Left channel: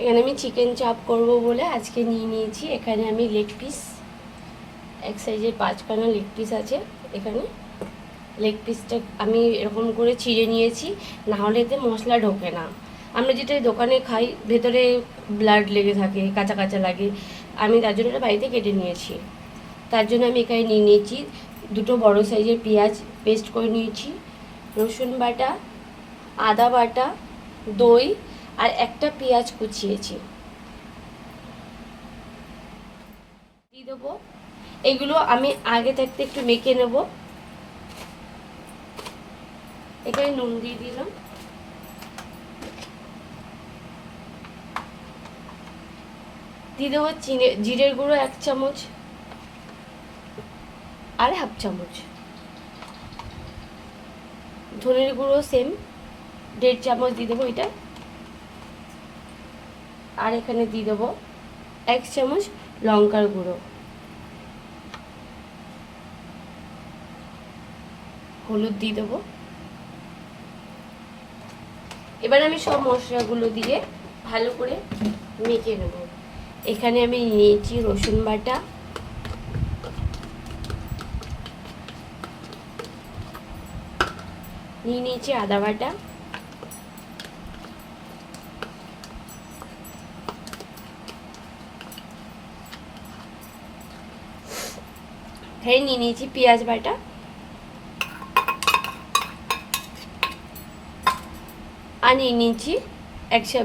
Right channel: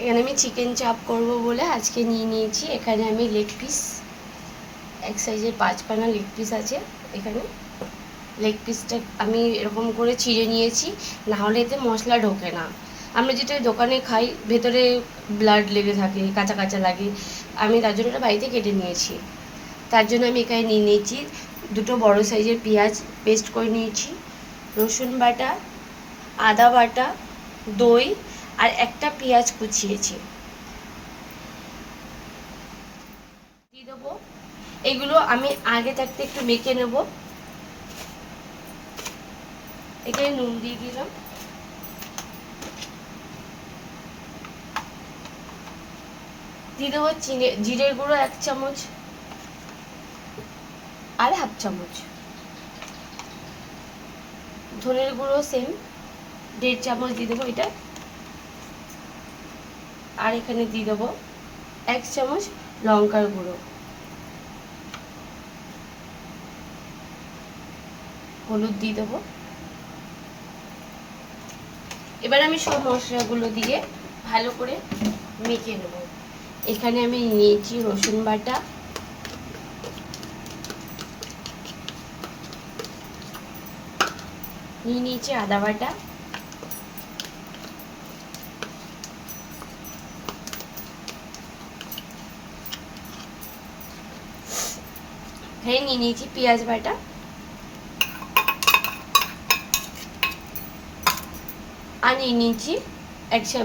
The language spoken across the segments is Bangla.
এখানে আমি চিকেন চাপ করব বলে আজকে নিয়ে নিয়েছি। এখানে আমি লেগ পিস, এক সাইজের 5 খানা লেগ পিস আছে। এখানে লেগ পিসটা আমি এরকম করে চিড়ে নিয়েছি, না হলে এতে মশলা ঢোকে না। আমরা যেটা দোকানে খাই ভেতরে ব্লাড লেগে থাকে, কাঁচা কাঁচা লাগে। আমি তার জন্য এটা বাড়িতে কেটে নিয়েছি। তার জন্য আমি এখানে নিয়ে নিয়েছি 2টো বড় সাইজের পেঁয়াজ পেস্ট করে নিয়েছি, রসুন বাটা, আদা বাটা, দই আর একটা পেঁয়াজ কুচিয়েছি দিয়ে দেবো। এগুলো আমি আগে থাকতে একটু মেখে নেব। এখানে নুন দিয়ে দিলাম, দিয়ে দেবো জিরের গুঁড়ো 1 চামচ আর 1/2 চামচ, ধনের গুঁড়ো সেম 1.5 চামচ দিয়ে দেবো এটা। আর এখানে দিয়ে দেবো 1 চামচ লঙ্কার গুঁড়ো, হলুদ দিয়ে দেবো। এবার আমি সব মশলাগুলো দিয়ে ভালো করে মেখে নেব। এখানে আমি নিয়েছি রসুন বাটা, নিয়ে নিয়েছি আদা বাটা, এখানে নিয়ে নিয়েছি পেঁয়াজ বাটা, আর নিয়ে নিয়েছি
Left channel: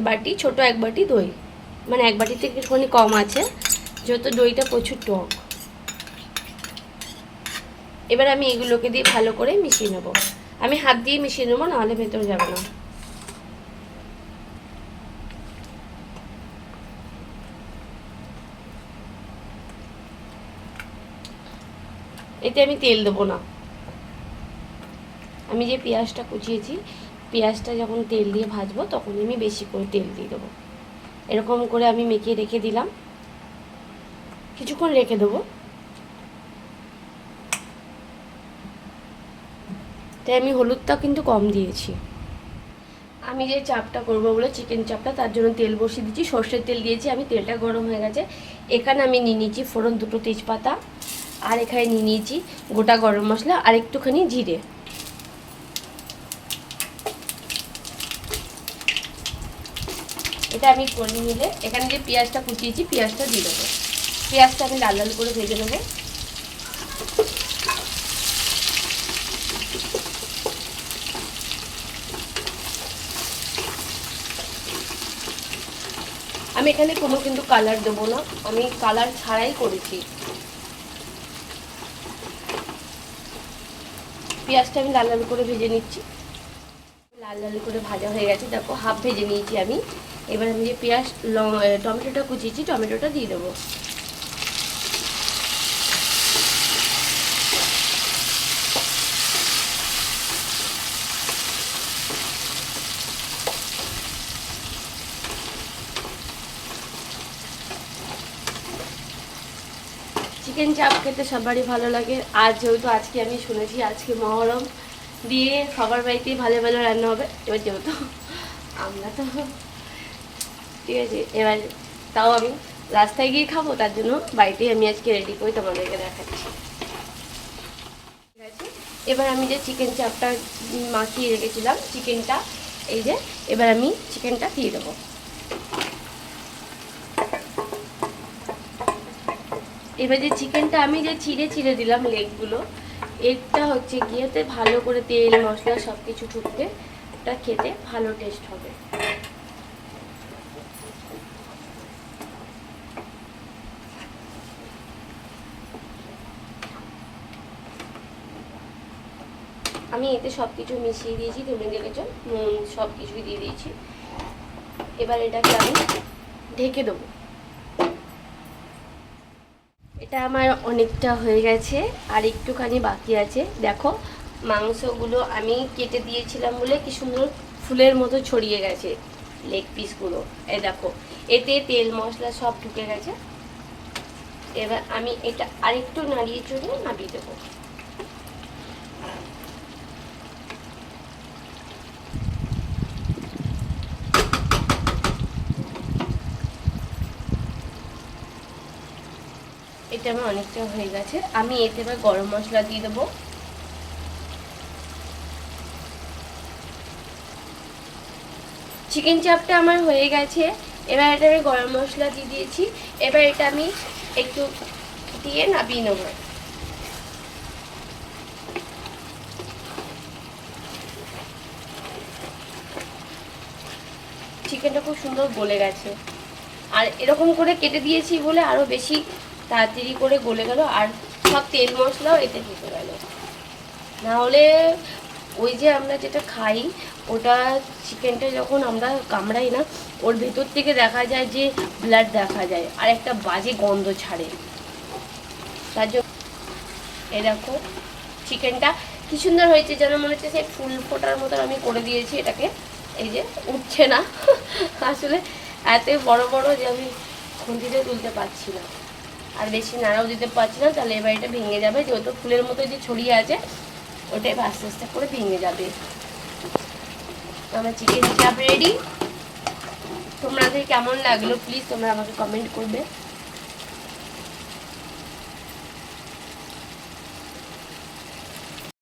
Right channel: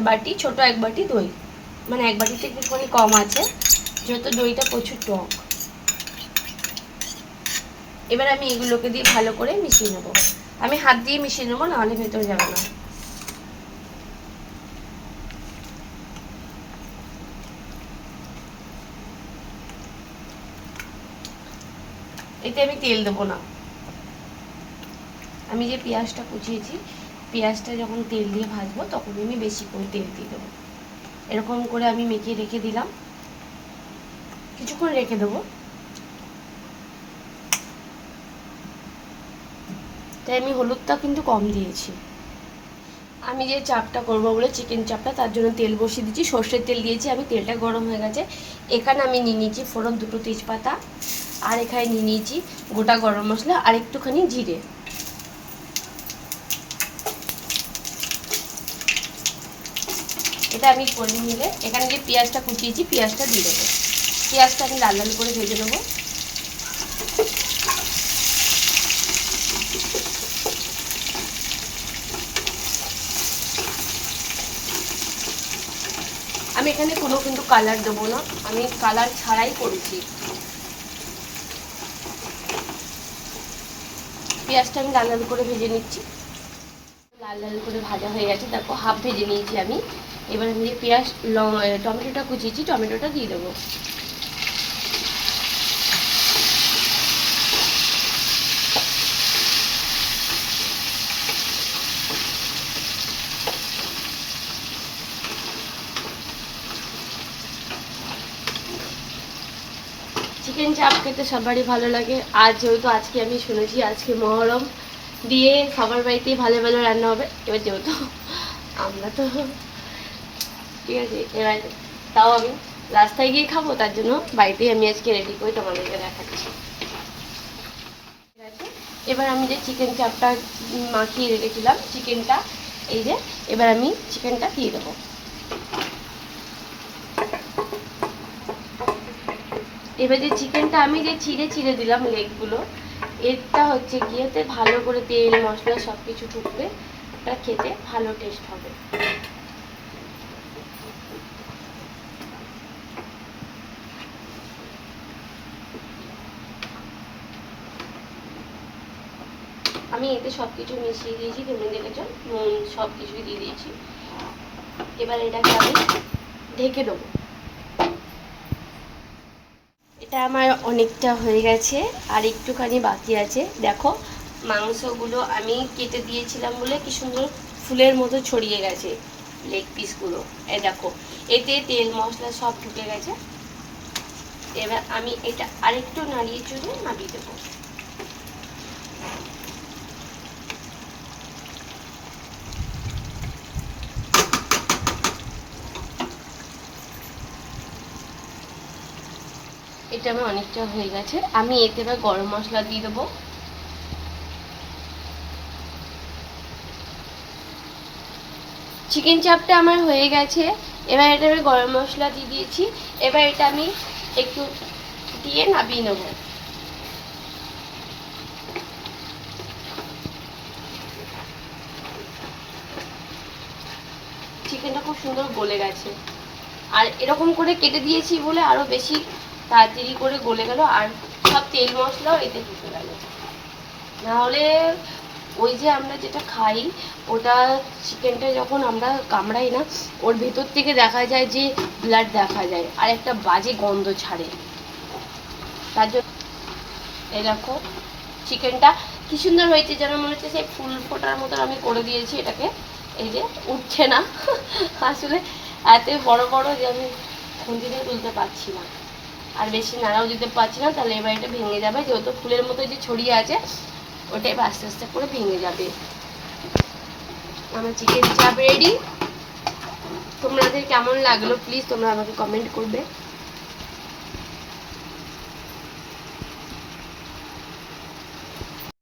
বাটি, ছোট 1 বাটি দই, মানে 1 বাটি থেকে একটুখানি কম আছে, যেহেতু দইটা প্রচুর টক। এবার আমি এগুলোকে দিয়ে ভালো করে মিশিয়ে নেব। আমি হাত দিয়ে মিশিয়ে নেবো, নাহলে ভেতরে যাবে না। এতে আমি তেল দেবো না। আমি যে পেঁয়াজটা কুচিয়েছি, পেঁয়াজটা যখন তেল দিয়ে ভাজবো তখন আমি বেশি করে তেল দিয়ে দেবো। এরকম করে আমি মেখে রেখে দিলাম, কিছুক্ষণ রেখে দেবো। তাই আমি হলুদটা কিন্তু কম দিয়েছি। আমি যে চাপটা করবো বলে চিকেন চাপটা, তার জন্য তেল বসিয়ে দিচ্ছি, সর্ষের তেল দিয়েছি আমি। তেলটা গরম হয়ে গেছে। এখানে আমি নিয়ে নিয়েছি ফোড়ন 2টো তেজপাতা, আর এখানে নিয়ে নিয়েছি গোটা গরম মশলা আর একটুখানি জিরে। এটা আমি করে নিলে এখানে যে পেঁয়াজটা কুচিয়েছি পেঁয়াজটা দিয়ে দেবো। পেঁয়াজটা আমি লাল লাল করে ভেজে নেবো। আমি এখানে কোনো কিন্তু কালার দেবো না, আমি কালার ছাড়াই করেছি। পেঁয়াজটা আমি লাল লাল করে ভেজে নিচ্ছি। লাল লাল করে ভাজা হয়ে গেছে, দেখো হাফ ভেজে নিয়েছি আমি। এবার আমি যে টমেটোটা কুচিয়েছি টমেটোটা দিয়ে দেবো। চিকেন চাপ খেতে সবারই ভালো লাগে। আর যেহেতু আজকে আমি শুনেছি আজকে মহরম, দিয়ে সবার বাড়িতেই ভালো ভালো রান্না হবে। এবার যেহেতু আমরা তো ঠিক আছে, এবার তাও আমি রাস্তায় গিয়ে খাবো, তার জন্য বাড়িতেই আমি আজকে রেডি করে তোমাদেরকে দেখাচ্ছি। ঠিক আছে, এবার আমি যে চিকেন চাপটা মাখিয়ে রেখেছিলাম চিকেনটা, এই যে এবার আমি চিকেনটা দিয়ে দেবো। এবার যে চিকেনটা আমি যে ছিঁড়ে ছিঁড়ে দিলাম লেগগুলো, এটা হচ্ছে গিয়ে ভালো করে তেল মশলা সব কিছু ঢুকবে, ওটা খেতে ভালো টেস্ট হবে। আমি এতে সব কিছু মিশিয়ে দিয়েছি, তুমি দেখেছো নুন সব কিছু দিয়ে দিয়েছি। এবার এটাকে আমি ঢেকে দেবো। এটা আমার অনেকটা হয়ে গেছে, আর একটুখানি বাকি আছে। দেখো মাংসগুলো আমি কেটে দিয়েছিলাম বলে কি সুন্দর ফুলের মতো ছড়িয়ে গেছে লেগ পিসগুলো। এই দেখো এতে তেল মশলা সব ঢুকে গেছে। এবার আমি এটা আরেকটু নাড়িয়ে চড়িয়ে নামিয়ে দেবো। এটা আমার অনেকটা হয়ে গেছে। আমি এতে এবার গরম মশলা দিয়ে দেবো। চিকেন চাপটা আমার হয়ে গেছে। এবার এটা আমি গরম মশলা দিয়ে দিয়েছি। এবার এটা আমি একটু দিয়ে নামিয়ে নেবো। চিকেনটা খুব সুন্দর গলে গেছে, আর এরকম করে কেটে দিয়েছি বলে আরও বেশি তাড়াতাড়ি করে গলে গেল, আর সব তেল মশলাও এতে ঢুকে গেল। না হলে ওই যে আমরা যেটা খাই ওটা চিকেনটা যখন আমরা কামড়াই না, ওর ভেতর থেকে দেখা যায় যে ব্লাড দেখা যায় আর একটা বাজে গন্ধ ছাড়ে। তার জন্য এই দেখো চিকেনটা কি সুন্দর হয়েছে, যেন মনে হচ্ছে সেই ফুল ফোটার মতন আমি করে দিয়েছি এটাকে। এই যে উঠছে না আসলে এত বড় বড় যে আমি খুঁজিতেও তুলতে পারছি না, আর বেশি নাড়াও দিতে পারছি না, তাহলে এবার এটা ভেঙে যাবে। যেহেতু ফুলের মতো যে ছড়িয়ে আছে ওটা এবার আস্তে আস্তে করে ভেঙে যাবে। আমার চিকেন চাপ রেডি। তোমাদের কেমন লাগলো প্লিজ তোমরা আমাকে কমেন্ট করবে।